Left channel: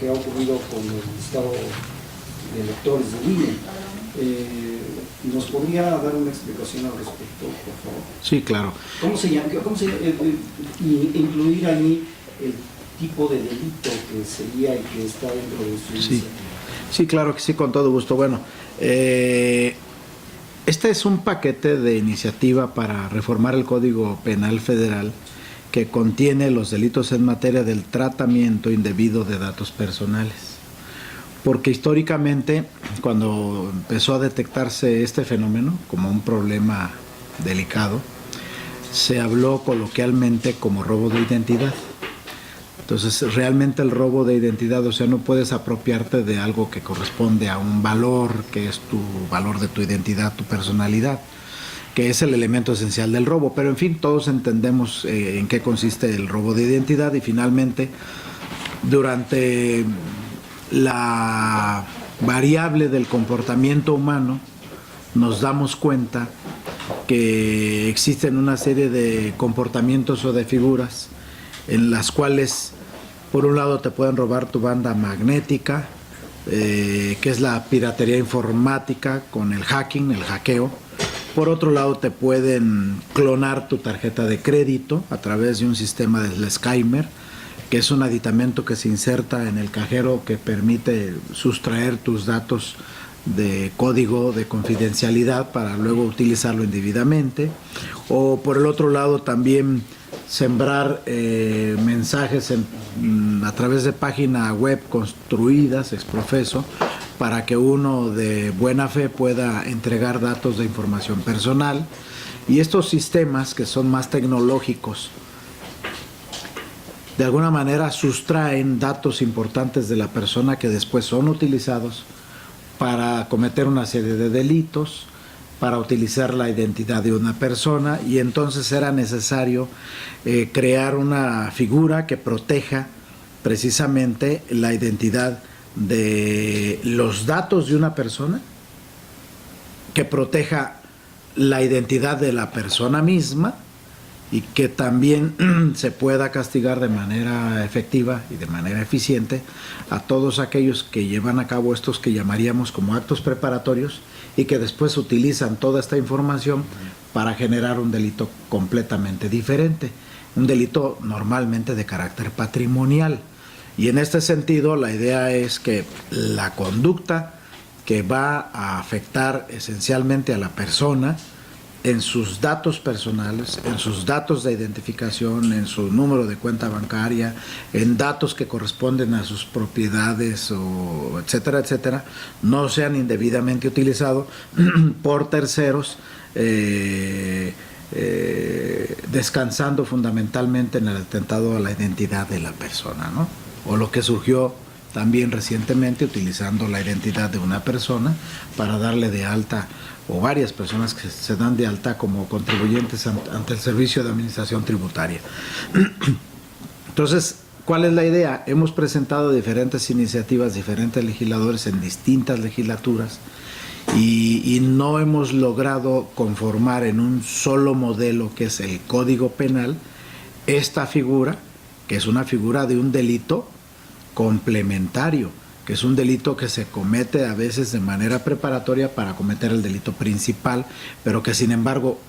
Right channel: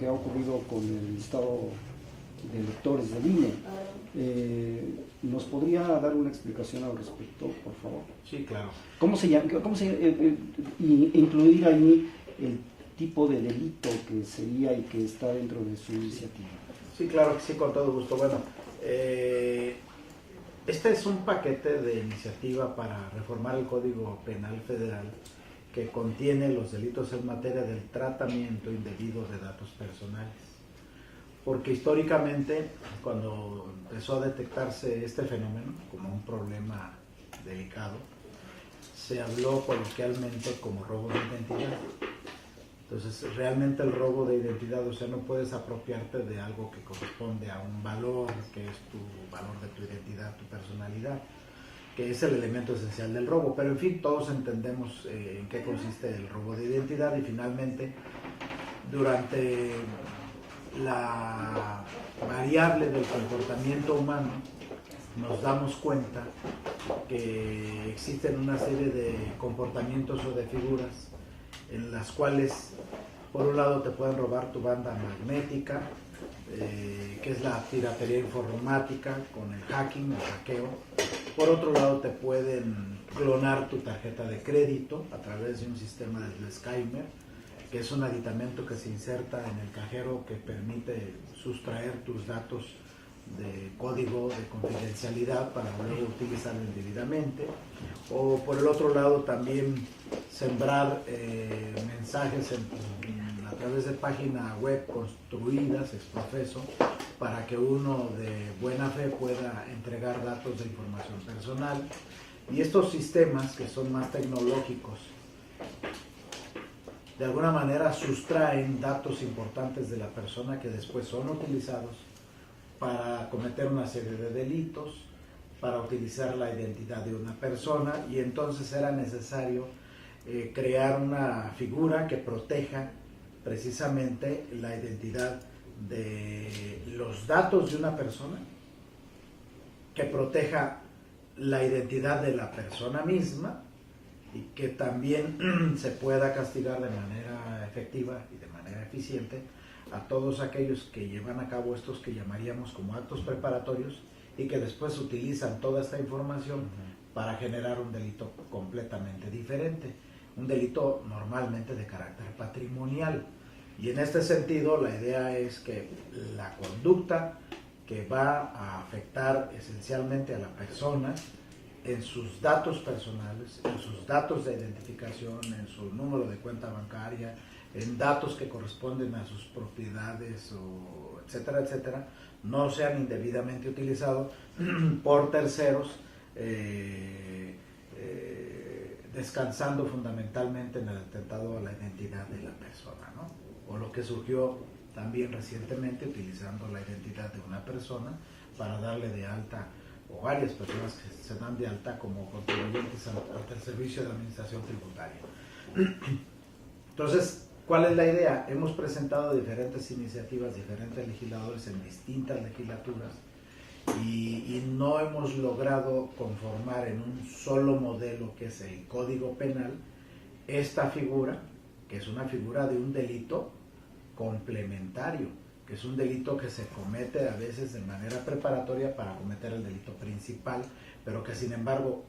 que ha ocurrido con el listado de electores del INE. ¿Nos podría dar una explicación al respecto, por favor? Sí, claro. ¿Cómo se llama? Incluir ahí el tipo de delito que sería el que está dentro de su iniciativa. Sí, claro que sí, con todo gusto. Bueno, este es un paquete de iniciativa para reformar el Código Penal Federal que contiene los delitos en materia del tratamiento indebido de datos personales. Porque históricamente, cuando empezó a detectarse este fenómeno como un problema delicado, se habló coloquialmente como robo de identidad. Entonces, realmente el robo de identidad, o sea, no puedes apropiarte de algo que corresponde a un valor, que es tu valor de tu identidad, tu personalidad, que es el elemento esencial del robo. Pero, en fin, todos entendemos en qué consiste el robo de identidad y, finalmente, durante la variable del comportamiento humano, nos damos cuenta que existen una serie de comportamientos o de figuras en las cuales, por un lado, te pueden robar tu banda magnética, que es la piratería informática con el hacking, el hackeo. Por otro lado, te pueden clonar tu tarjeta de crédito a través de un sistema del Skymer, que es un aditamento que se inserta en el cajero que permite sustraer tus datos de código de confidencialidad para luego utilizarlo indebidamente. O por el otro lado, también sembrar mensajes a través de páginas web construidas ex profeso para que uno de buena fe pueda entregar datos de información personal. Y estos sistemas, que son más tecnológicos, de alguna manera sustraen datos importantes de la persona que después son utilizados para cometer una serie de delitos, para utilizar la identidad de una persona, y entonces era necesario crear una figura que proteja precisamente la identidad de los datos de una persona, que proteja la identidad de la persona misma y que también se pueda castigar de manera efectiva y de manera eficiente a todos aquellos que llevan a cabo estos que llamaríamos como actos preparatorios y que después utilizan toda esta información para generar un delito completamente diferente, un delito normalmente de carácter patrimonial. Y en este sentido, la idea es que la conducta que va a afectar esencialmente a la persona en sus datos personales, en sus datos de identificación, en su número de cuenta bancaria, en datos que corresponden a sus propiedades, o etcétera, etcétera, no sean indebidamente utilizados por terceros, descansando fundamentalmente en el atentado a la identidad de la persona, ¿no? O lo que surgió también recientemente, utilizando la identidad de una persona para darle de alta, o varias personas que se dan de alta como contribuyentes ante el Servicio de Administración Tributaria. Entonces, ¿cuál es la idea? Hemos presentado diferentes iniciativas, diferentes legisladores en distintas legislaturas, y no hemos logrado conformar en un solo modelo, que es el Código Penal, esta figura, que es una figura de un delito complementario, que es un delito que se comete a veces de manera preparatoria para cometer el delito principal, pero que sin embargo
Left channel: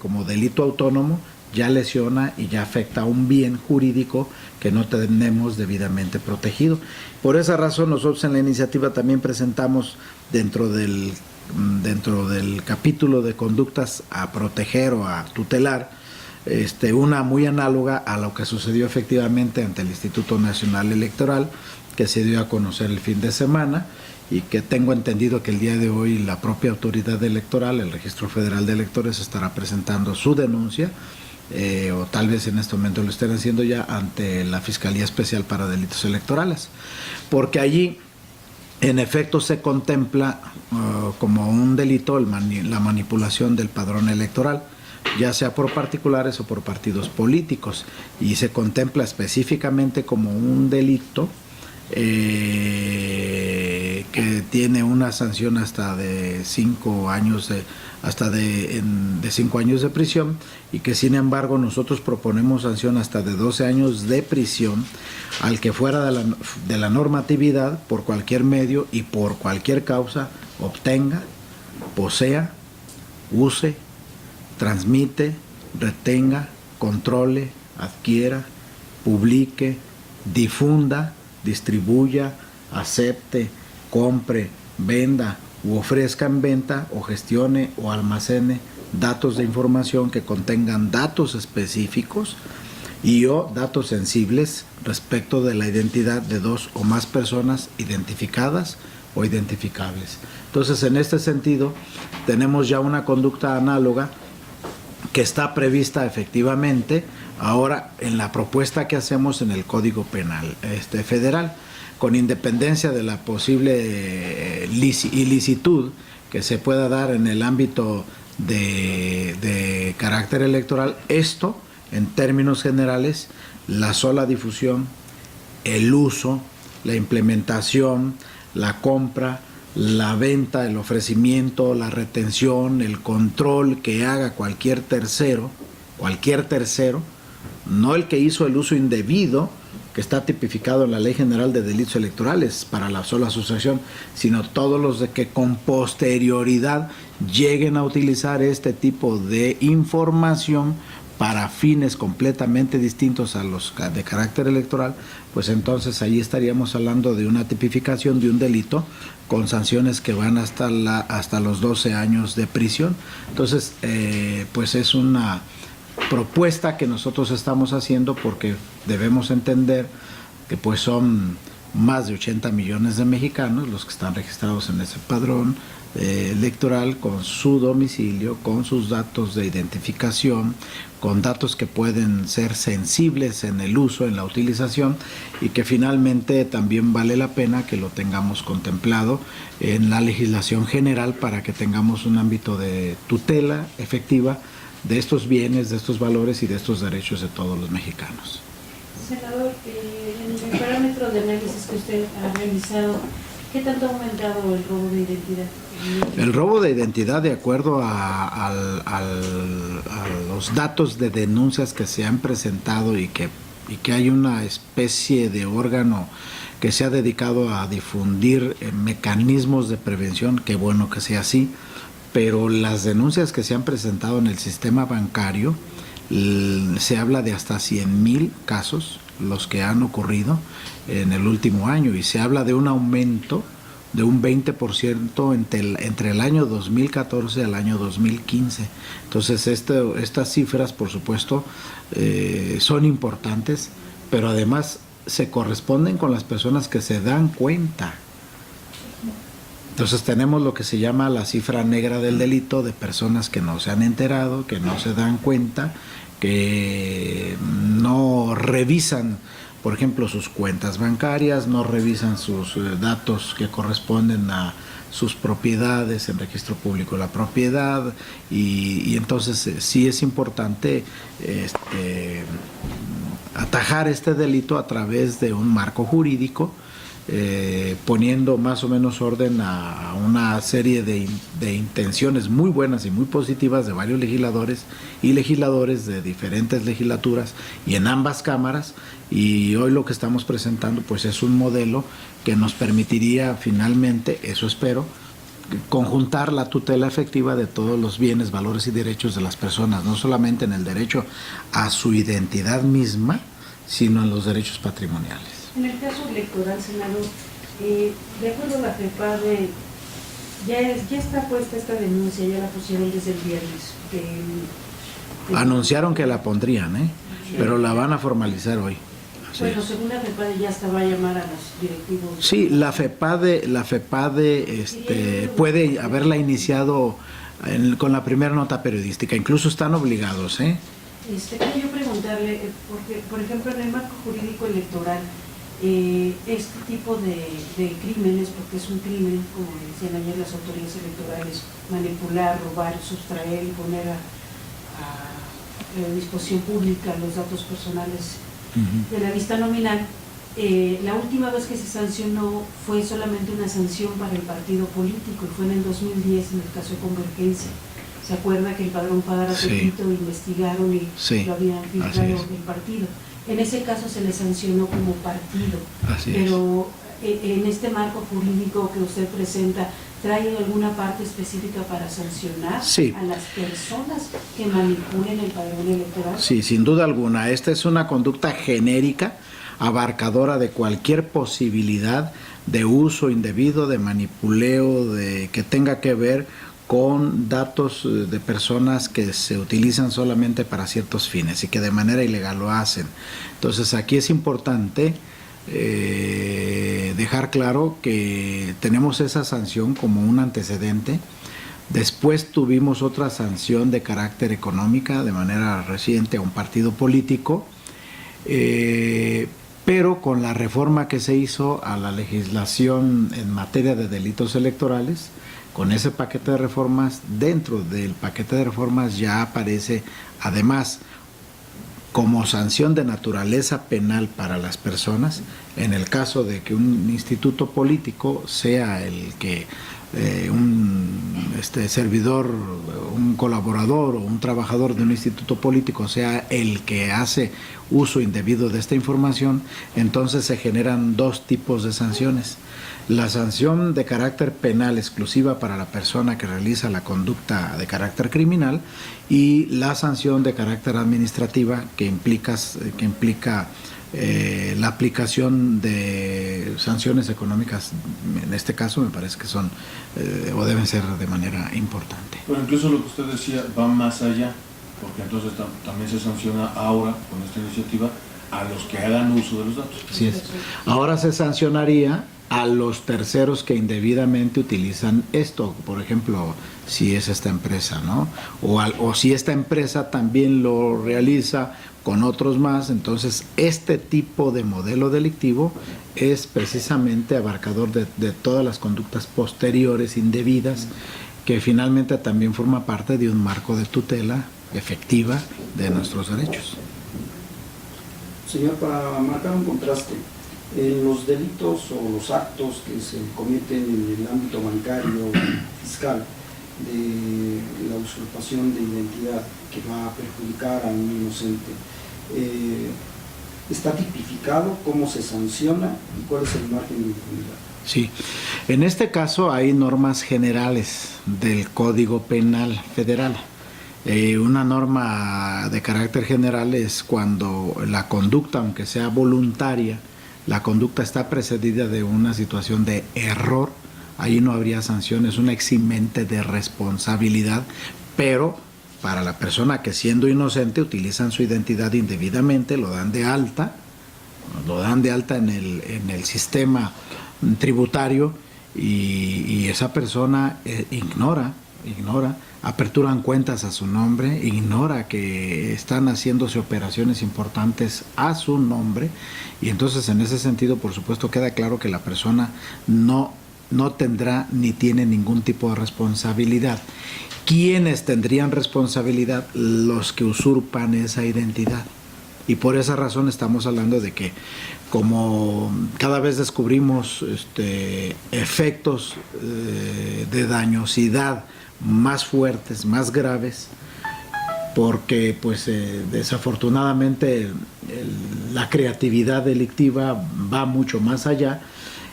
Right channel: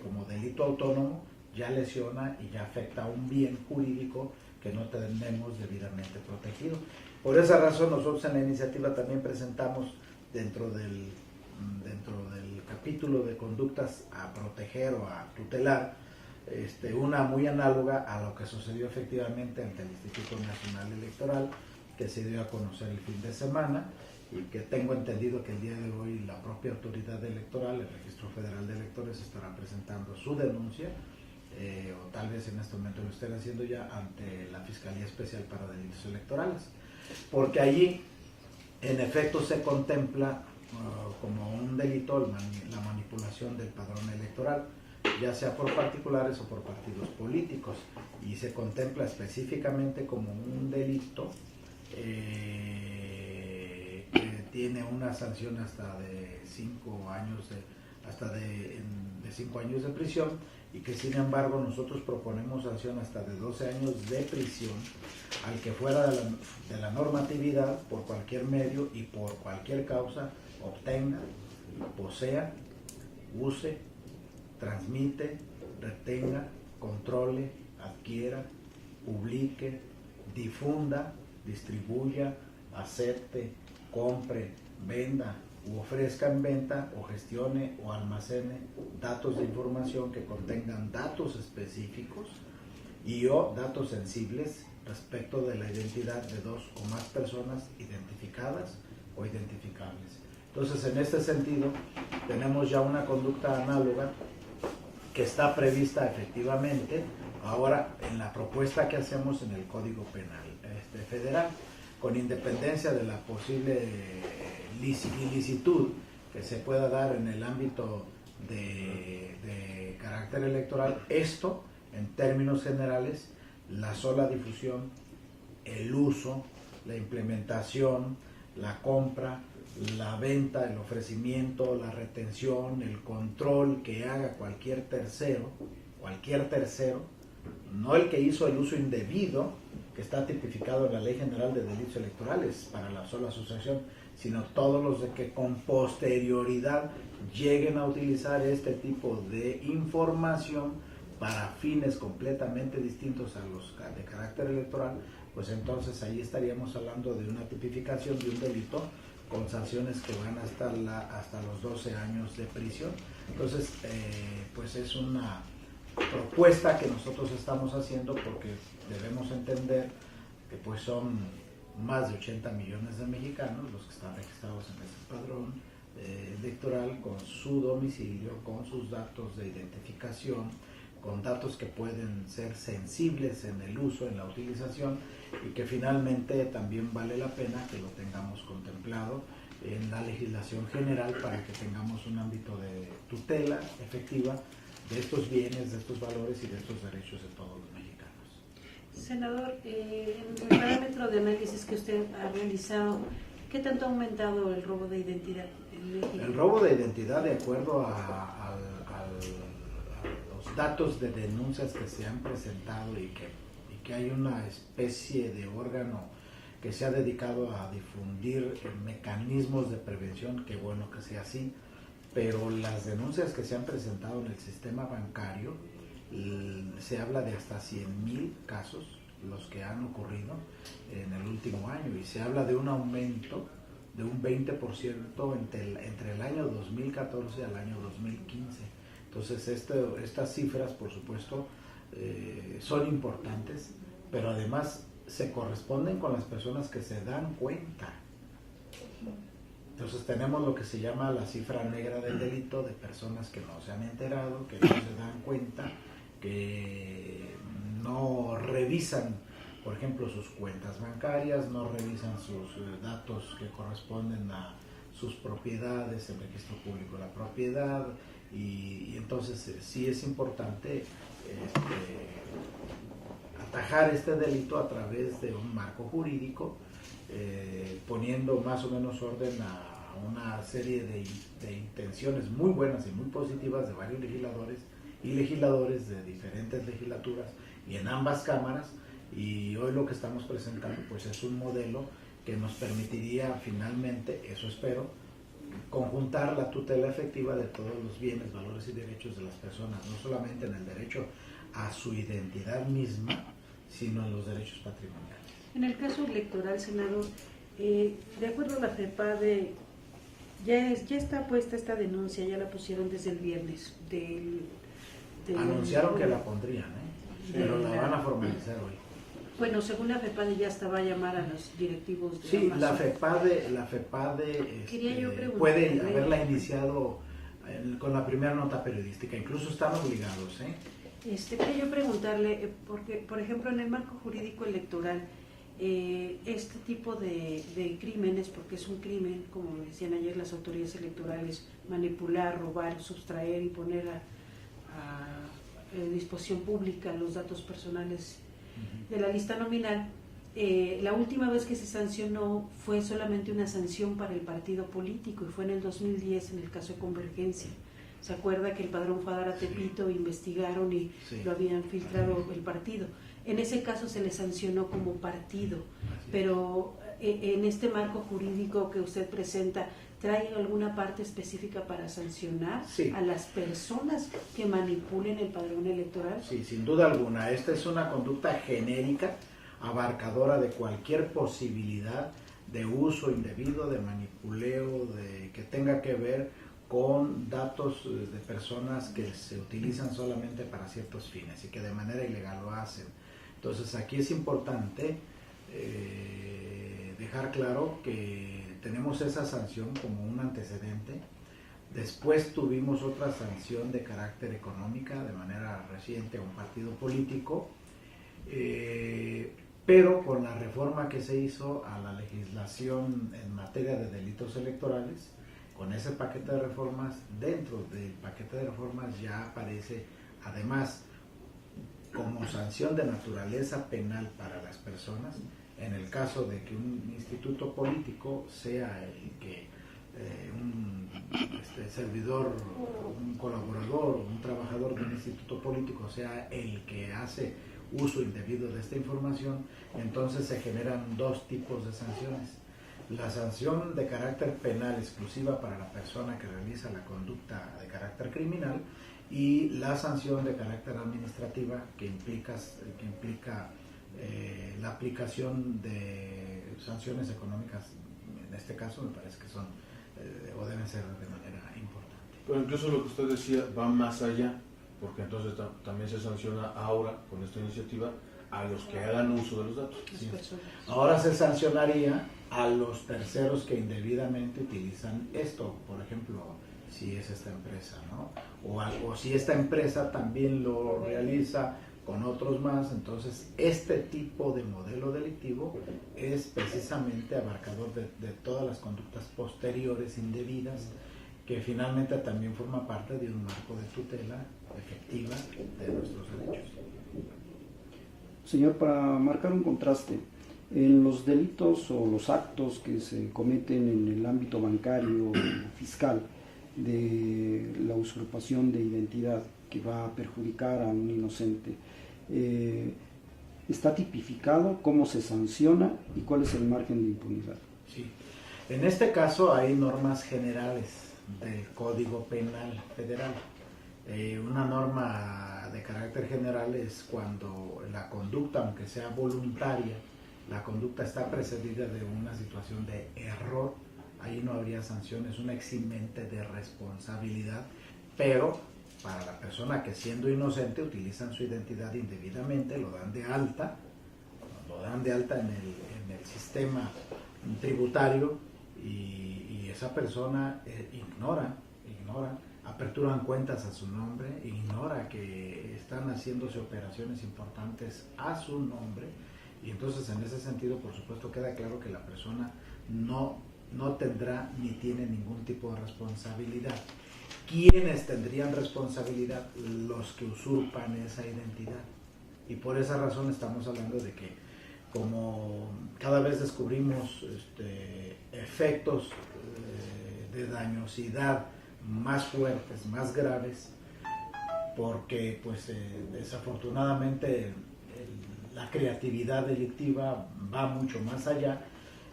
como delito autónomo ya lesiona y ya afecta a un bien jurídico que no tenemos debidamente protegido. Por esa razón, nosotros en la iniciativa también presentamos dentro del capítulo de conductas a proteger o a tutelar, una muy análoga a lo que sucedió efectivamente ante el Instituto Nacional Electoral, que se dio a conocer el fin de semana, y que tengo entendido que el día de hoy la propia autoridad electoral, el Registro Federal de Electores, estará presentando su denuncia, o tal vez en este momento lo estén haciendo ya ante la Fiscalía Especial para Delitos Electorales, porque allí en efecto se contempla como un delito la manipulación del padrón electoral, ya sea por particulares o por partidos políticos, y se contempla específicamente como un delito que que tiene una sanción hasta de 5 años de 5 años de prisión, y que sin embargo nosotros proponemos sanción hasta de 12 años de prisión al que fuera de la normatividad, por cualquier medio y por cualquier causa, obtenga, posea, use, transmite, retenga, controle, adquiera, publique, difunda, distribuya, acepte, compre, venda u ofrezca en venta o gestione o almacene datos de información que contengan datos específicos y o datos sensibles respecto de la identidad de 2 o más personas identificadas o identificables. Entonces, en este sentido, tenemos ya una conducta análoga que está prevista efectivamente ahora en la propuesta que hacemos en el Código Penal federal, con independencia de la posible ilicitud que se pueda dar en el ámbito de carácter electoral. Esto, en términos generales, la sola difusión, el uso, la implementación, la compra, la venta, el ofrecimiento, la retención, el control que haga cualquier tercero, no el que hizo el uso indebido, que está tipificado en la Ley General de Delitos Electorales para la sola sustracción, sino todos los de que con posterioridad lleguen a utilizar este tipo de información para fines completamente distintos a los de carácter electoral, pues entonces ahí estaríamos hablando de una tipificación de un delito con sanciones que van hasta los 12 años de prisión. Entonces, pues es una propuesta que nosotros estamos haciendo porque debemos entender que pues son más de 80 millones de mexicanos los que están registrados en ese padrón electoral, con su domicilio, con sus datos de identificación, con datos que pueden ser sensibles en el uso, en la utilización, y que finalmente también vale la pena que lo tengamos contemplado en la legislación general para que tengamos un ámbito de tutela efectiva de estos bienes, de estos valores y de estos derechos de todos los mexicanos. Senador, en el parámetro de análisis que usted ha realizado, ¿qué tanto ha aumentado el robo de identidad? El robo de identidad, de acuerdo a los datos de denuncias que se han presentado y que hay una especie de órgano que se ha dedicado a difundir mecanismos de prevención, qué bueno que sea así, pero las denuncias que se han presentado en el sistema bancario, se habla de hasta 100,000 casos los que han ocurrido en el último año, y se habla de un aumento de un 20% entre el año 2014 al año 2015. Entonces estas cifras, por supuesto, son importantes, pero además se corresponden con las personas que se dan cuenta. Entonces tenemos lo que se llama la cifra negra del delito, de personas que no se han enterado, que no se dan cuenta, que no revisan, por ejemplo, sus cuentas bancarias, no revisan sus datos que corresponden a sus propiedades, en registro público la propiedad, y entonces sí es importante atajar este delito a través de un marco jurídico, poniendo más o menos orden a una serie de intenciones muy buenas y muy positivas de varios legisladores y legisladores de diferentes legislaturas y en ambas cámaras, y hoy lo que estamos presentando pues es un modelo que nos permitiría finalmente, eso espero, conjuntar la tutela efectiva de todos los bienes, valores y derechos de las personas, no solamente en el derecho a su identidad misma, sino en los derechos patrimoniales. En el caso electoral, senador, de acuerdo a la FEPADE, ya está puesta esta denuncia, ya la pusieron desde el viernes. Anunciaron que la pondrían, sí, pero la van a formalizar hoy. Bueno, según la FEPADE ya hasta va a llamar a los directivos. Sí, la FEPADE puede haberla iniciado con la primera nota periodística, incluso están obligados, Quería yo preguntarle, porque, por ejemplo, en el marco jurídico electoral, este tipo de crímenes, porque es un crimen, como decían ayer las autoridades electorales, manipular, robar, sustraer y poner a disposición pública los datos personales de la lista nominal, La última vez que se sancionó fue solamente una sanción para el partido político y fue en el 2010 en el caso de Convergencia. ¿Se acuerda que el padrón Padara Tepito investigaron y lo habían filtrado el partido? En ese caso se le sancionó como partido. Pero en este marco jurídico que usted presenta, ¿trae alguna parte específica para sancionar a las personas que manipulen el padrón electoral? Sí, sin duda alguna. Esta es una conducta genérica, abarcadora de cualquier posibilidad de uso indebido, de manipuleo, de que tenga que ver con datos de personas que se utilizan solamente para ciertos fines y que de manera ilegal lo hacen. Entonces aquí es importante dejar claro que tenemos esa sanción como un antecedente. Después tuvimos otra sanción de carácter económica de manera reciente a un partido político, pero con la reforma que se hizo a la legislación en materia de delitos electorales, con ese paquete de reformas, dentro del paquete de reformas ya aparece además como sanción de naturaleza penal para las personas, en el caso de que un instituto político sea el que un servidor, un colaborador o un trabajador de un instituto político sea el que hace uso indebido de esta información, entonces se generan dos tipos de sanciones. La sanción de carácter penal exclusiva para la persona que realiza la conducta de carácter criminal y la sanción de carácter administrativa que implica la aplicación de sanciones económicas. En este caso me parece que son o deben ser de manera importante. Pero incluso lo que usted decía va más allá, porque entonces también se sanciona ahora con esta iniciativa a los que hagan uso de los datos. Así es. Ahora se sancionaría a los terceros que indebidamente utilizan esto, por ejemplo, si es esta empresa, ¿no? O si esta empresa también lo realiza con otros más, entonces este tipo de modelo delictivo es precisamente abarcador de todas las conductas posteriores indebidas, que finalmente también forma parte de un marco de tutela efectiva de nuestros derechos. Señor, para marcar un contraste, los delitos o los actos que se cometen en el ámbito bancario fiscal de la usurpación de identidad que va a perjudicar a un inocente, ¿está tipificado cómo se sanciona y cuál es el margen de impunidad? Sí, en este caso hay normas generales del Código Penal Federal. Una norma de carácter general es cuando la conducta, aunque sea voluntaria, la conducta está precedida de una situación de error, ahí no habría sanción, es una eximente de responsabilidad, pero para la persona que siendo inocente utilizan su identidad indebidamente, lo dan de alta en el sistema tributario y esa persona ignora, aperturan cuentas a su nombre, ignora que están haciéndose operaciones importantes a su nombre, y entonces en ese sentido, por supuesto, queda claro que la persona no tendrá ni tiene ningún tipo de responsabilidad. ¿Quiénes tendrían responsabilidad? Los que usurpan esa identidad. Y por esa razón estamos hablando de que como cada vez descubrimos efectos de dañosidad más fuertes, más graves, porque pues desafortunadamente la creatividad delictiva va mucho más allá,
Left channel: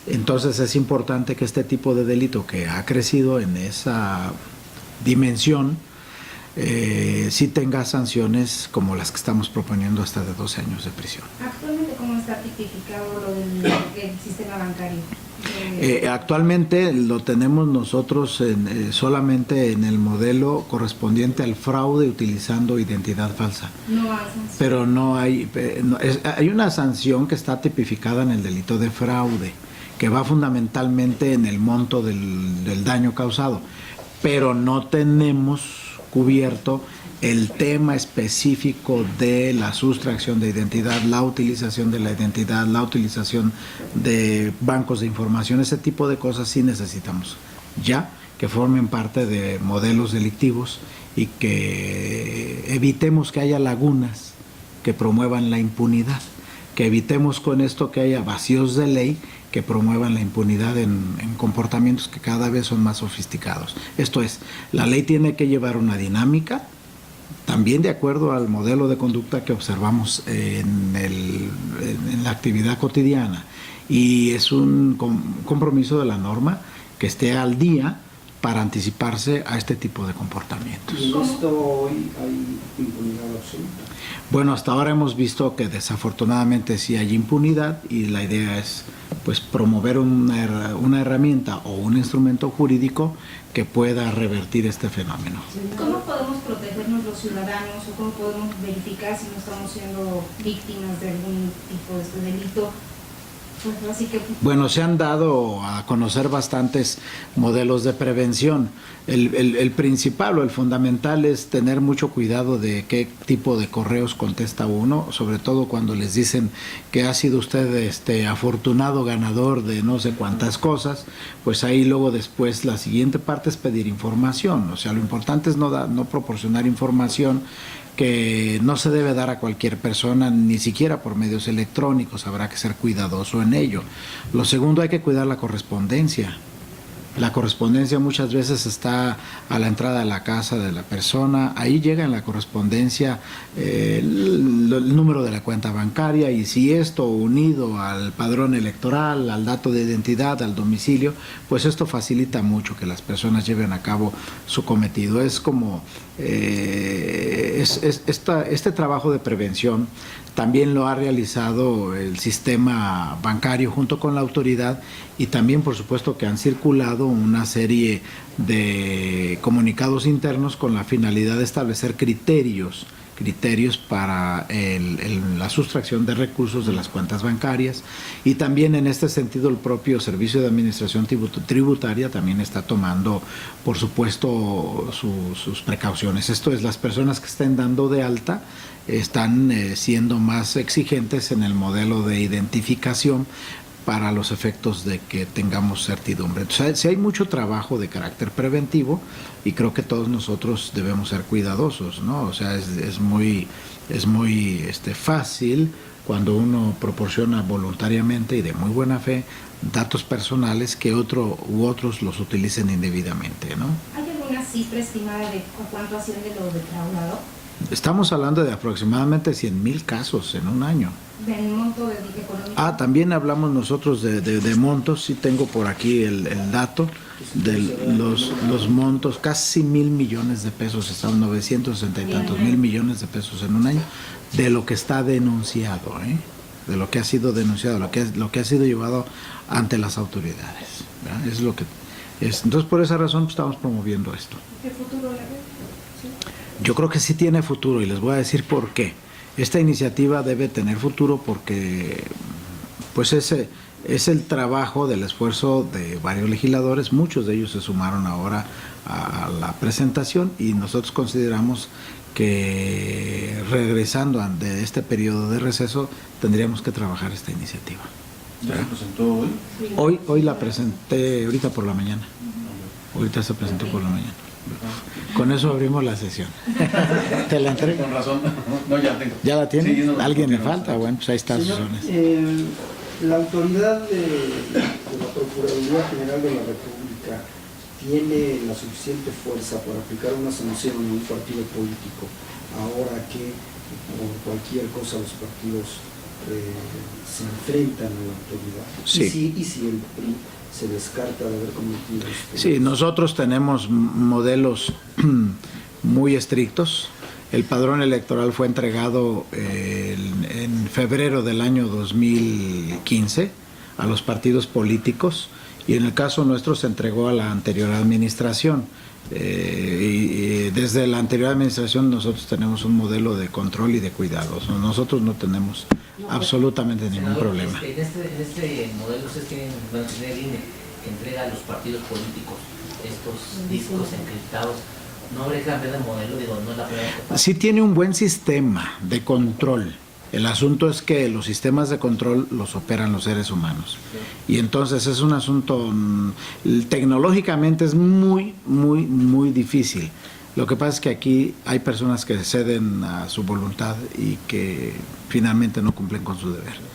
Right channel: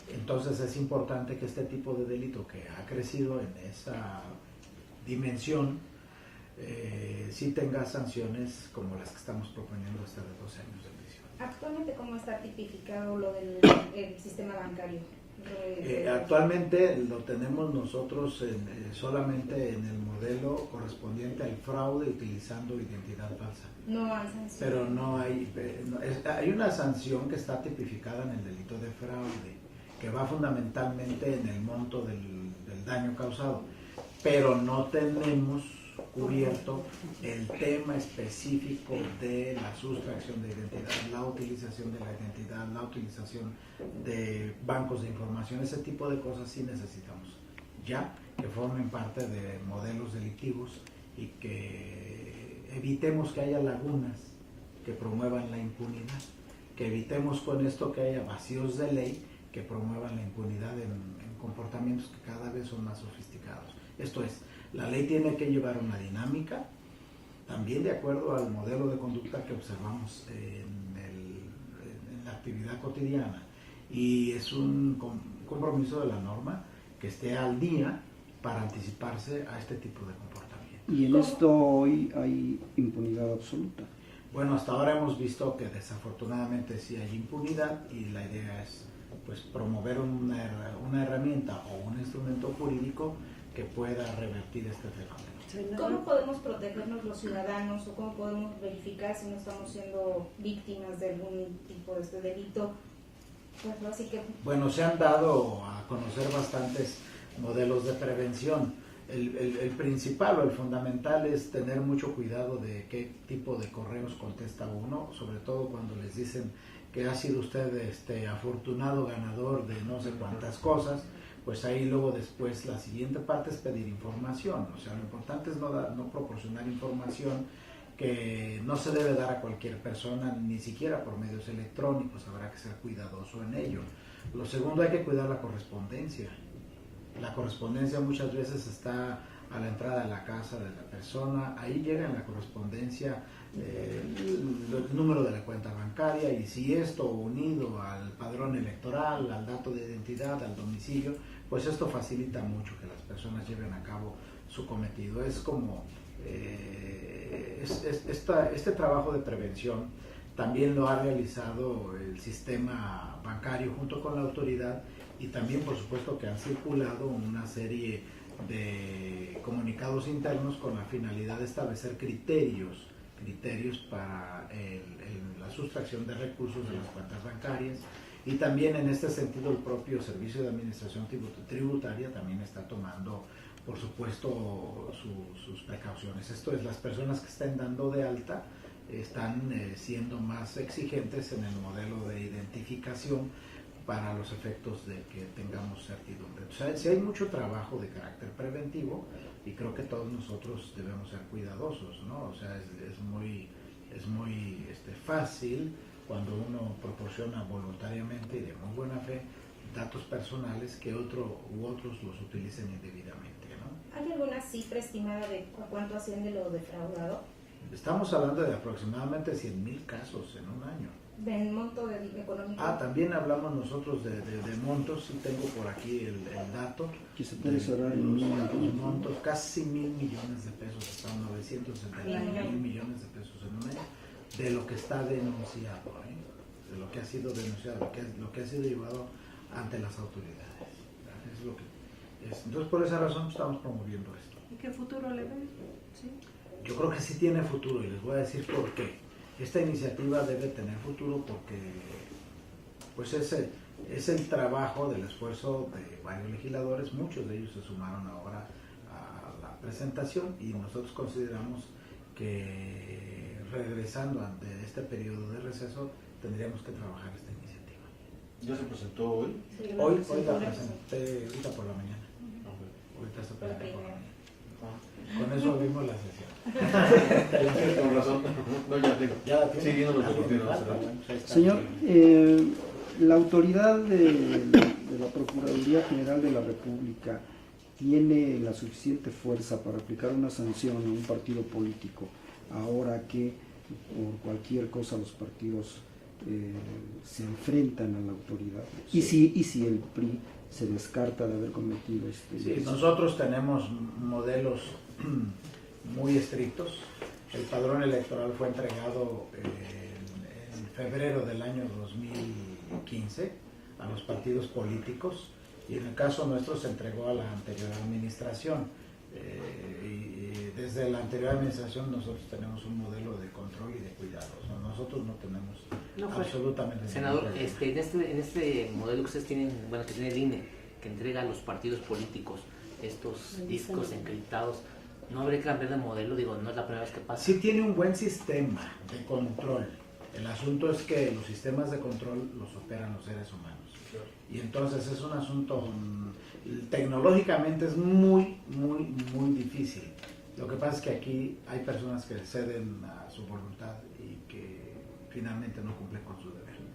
entonces es importante que este tipo de delito que ha crecido en esa dimensión sí tenga sanciones como las que estamos proponiendo, hasta de 12 años de prisión. Actualmente, ¿cómo está tipificado lo del sistema bancario? Actualmente lo tenemos nosotros solamente en el modelo correspondiente al fraude utilizando identidad falsa. No hay sanción. Pero no hay, hay una sanción que está tipificada en el delito de fraude, que va fundamentalmente en el monto del daño causado, pero no tenemos cubierto el tema específico de la sustracción de identidad, la utilización de la identidad, la utilización de bancos de información. Ese tipo de cosas sí necesitamos ya que formen parte de modelos delictivos y que evitemos que haya lagunas que promuevan la impunidad, que evitemos con esto que haya vacíos de ley que promuevan la impunidad en comportamientos que cada vez son más sofisticados. Esto es, la ley tiene que llevar una dinámica, también de acuerdo al modelo de conducta que observamos en la actividad cotidiana, y es un compromiso de la norma que esté al día para anticiparse a este tipo de comportamientos. ¿Y en esto hoy hay impunidad absoluta? Bueno, hasta ahora hemos visto que desafortunadamente sí hay impunidad, y la idea es pues promover una herramienta o un instrumento jurídico que pueda revertir este fenómeno. ¿Cómo podemos protegernos los ciudadanos o cómo podemos verificar si no estamos siendo víctimas de algún tipo de este delito? Pues así que... Bueno, se han dado a conocer bastantes modelos de prevención. El principal o el fundamental es tener mucho cuidado de qué tipo de correos contesta uno, sobre todo cuando les dicen que ha sido usted afortunado ganador de no sé cuántas cosas. Pues ahí luego después la siguiente parte es pedir información. O sea, lo importante es no proporcionar información que no se debe dar a cualquier persona, ni siquiera por medios electrónicos. Habrá que ser cuidadoso en ello. Lo segundo, hay que cuidar la correspondencia. La correspondencia muchas veces está a la entrada de la casa de la persona, ahí llega en la correspondencia el número de la cuenta bancaria, y si esto unido al padrón electoral, al dato de identidad, al domicilio, pues esto facilita mucho que las personas lleven a cabo su cometido. Es como este trabajo de prevención también lo ha realizado el sistema bancario junto con la autoridad, y también por supuesto que han circulado una serie de comunicados internos con la finalidad de establecer criterios para la sustracción de recursos de las cuentas bancarias, y también en este sentido el propio Servicio de Administración Tributaria también está tomando por supuesto sus precauciones. Esto es, las personas que estén dando de alta están siendo más exigentes en el modelo de identificación para los efectos de que tengamos certidumbre. Entonces, sí hay mucho trabajo de carácter preventivo, y creo que todos nosotros debemos ser cuidadosos, ¿no? O sea, es muy fácil cuando uno proporciona voluntariamente y de muy buena fe datos personales que otros los utilicen indebidamente, ¿no? ¿Hay alguna cifra estimada de cuánto asciende lo defraudado? Estamos hablando de aproximadamente 100,000 casos en un año. ¿Del monto del económico? También hablamos nosotros de montos. Sí tengo por aquí el dato de los montos, casi 1,000 millones de pesos, están 960 y tantos mil millones de pesos en un año, de lo que está denunciado, de lo que ha sido denunciado, lo que ha sido llevado ante las autoridades, ¿verdad? Es lo que es. Entonces, por esa razón estamos promoviendo esto. ¿Qué futuro le ve? ¿Sí? Yo creo que sí tiene futuro, y les voy a decir por qué. Esta iniciativa debe tener futuro porque pues ese es el trabajo del esfuerzo de varios legisladores. Muchos de ellos se sumaron ahora a la presentación, y nosotros consideramos que regresando de este periodo de receso tendríamos que trabajar esta iniciativa. ¿Ya se presentó hoy? Hoy la presenté ahorita por la mañana. Ahorita se presentó por la mañana. Con eso abrimos la sesión. ¿Te la entrego? Con razón. No, ya tengo. ¿Ya la tiene? Sí, no, ¿Alguien le no, falta? no. Bueno, pues ahí está. Señor, la autoridad de la Procuraduría General de la República tiene la suficiente fuerza para aplicar una sanción a un partido político, ahora que por cualquier cosa los partidos se enfrentan a la autoridad. Sí. Y si el PRI se descarta de haber cometido Sí, nosotros tenemos modelos muy estrictos. El padrón electoral fue entregado en febrero del año 2015 a los partidos políticos, y en el caso nuestro se entregó a la anterior administración. Y desde la anterior administración nosotros tenemos un modelo de control y de cuidados. Nosotros no tenemos absolutamente ningún problema. En este modelo que ustedes tienen, van a tener INE, que entrega a los partidos políticos estos discos encriptados, ¿no habría que cambiar de modelo? Digo, no es la primera vez que pasa. Sí tiene un buen sistema de control. El asunto es que los sistemas de control los operan los seres humanos. Y entonces es un asunto, tecnológicamente es muy, muy, muy difícil Lo que pasa es que aquí hay personas que ceden a su voluntad y que finalmente no cumplen con su deber.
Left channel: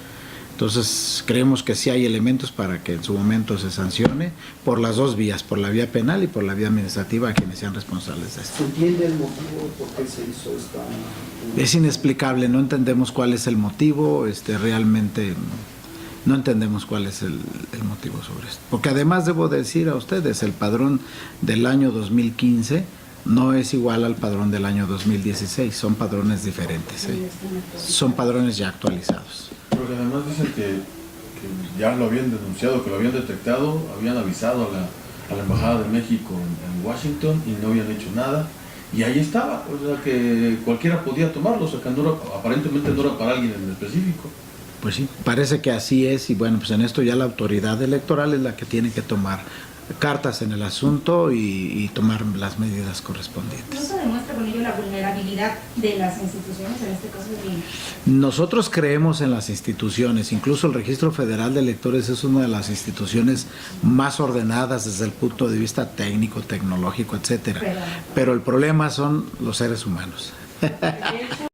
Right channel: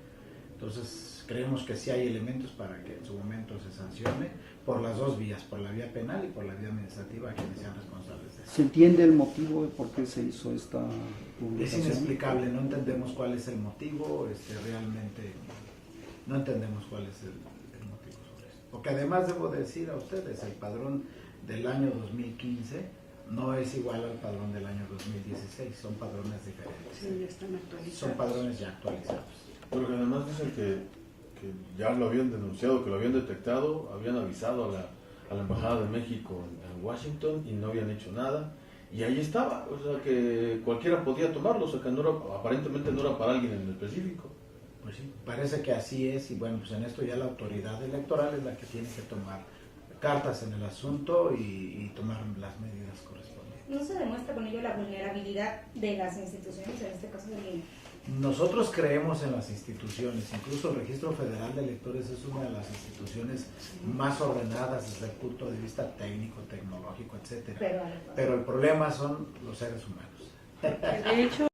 Entonces, creemos que sí hay elementos para que en su momento se sancione por las dos vías, por la vía penal y por la vía administrativa a quienes sean responsables de esto. ¿Se entiende el motivo de por qué se hizo esta? Es inexplicable, no entendemos cuál es el motivo, realmente no entendemos cuál es el motivo sobre esto. Porque además debo decir a ustedes, el padrón del año 2015 no es igual al padrón del año 2016, son padrones diferentes, son padrones ya actualizados. Porque además dicen que ya lo habían denunciado, que lo habían detectado, habían avisado a la Embajada de México en Washington y no habían hecho nada. Y ahí estaba, o sea que cualquiera podía tomarlo, o sea que no era, aparentemente no era para alguien en específico. Pues sí, parece que así es, y bueno, pues en esto ya la autoridad electoral es la que tiene que tomar cartas en el asunto y tomar las medidas ¿No correspondientes. se demuestra con ello la vulnerabilidad de las instituciones, en este caso del INE? Nosotros creemos en las instituciones, incluso el Registro Federal de Electores es una de las instituciones más ordenadas desde el punto de vista técnico, tecnológico, etcétera. Pero el problema son los seres humanos. De hecho,